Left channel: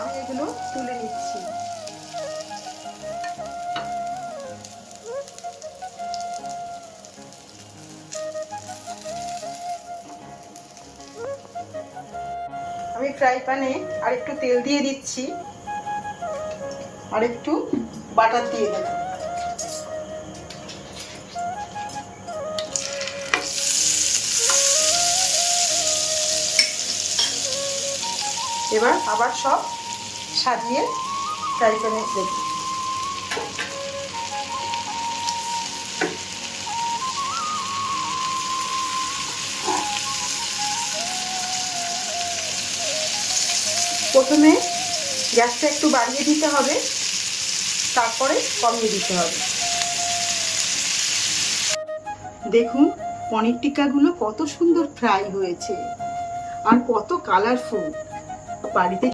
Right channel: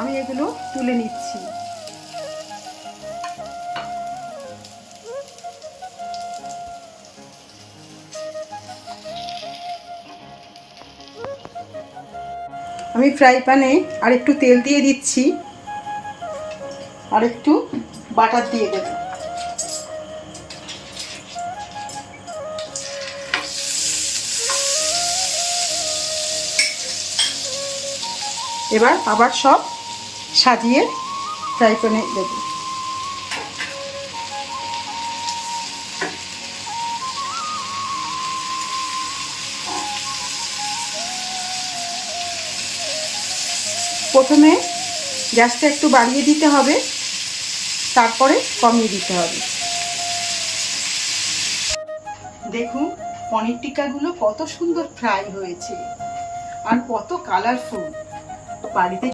আমি এগুলো তুলে নিচ্ছি। আমি ফ্রাই প্যানে আর একটু তেল দিয়ে দিচ্ছি, আর একটু বাটার দিয়ে দেব। এবার আবার সব সাজিয়ে ফ্রাই প্যানে দেব। প্রথমে গ্যাসটা একটু বাড়িয়ে দিতে হবে, তারপরে কমিয়ে দিতে হবে। দেখুন পনির টিক্কাগুলো কত সুন্দর ফ্রাই হয়েছে আর কত কালারফুল। বাড়িতে